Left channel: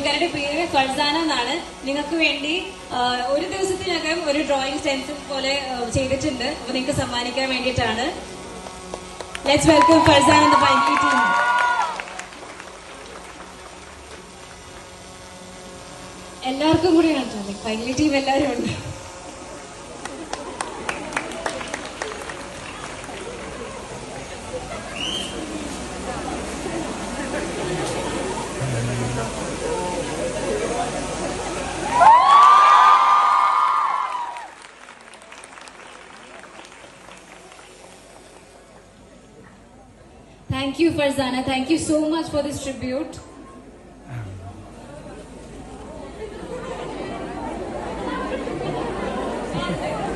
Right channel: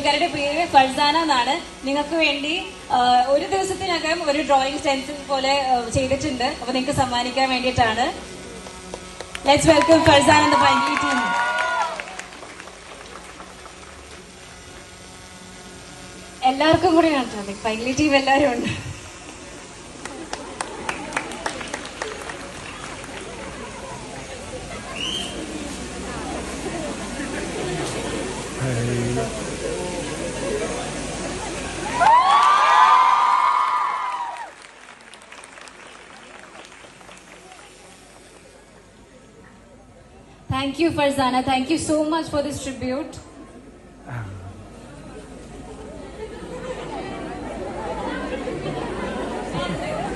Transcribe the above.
പുള്ളിക്കാരുടെ പേര് ഫർസാന എന്നാണ് നിങ്ങൾക്ക് വേണ്ടി ഒരു ദിവസത്തിനകം ഒരു ഡ്രോയിങ് സ്റ്റെൻസിൽ പോലെ ചെയ്തിട്ടുണ്ട്. അപ്പൊ നിങ്ങൾക്ക് സമ്മാനിക്കാൻ വേണ്ടിയിട്ടാണ്. ലെറ്റ്സ് വെൽക്കം ഫൾസാന ടീം എല്ലാവർക്കും കൂടി കാണാം പൈലി ടീം എല്ലാവരും ഉണ്ട്. Thank you, Farzana. Thank you so much for this tribute.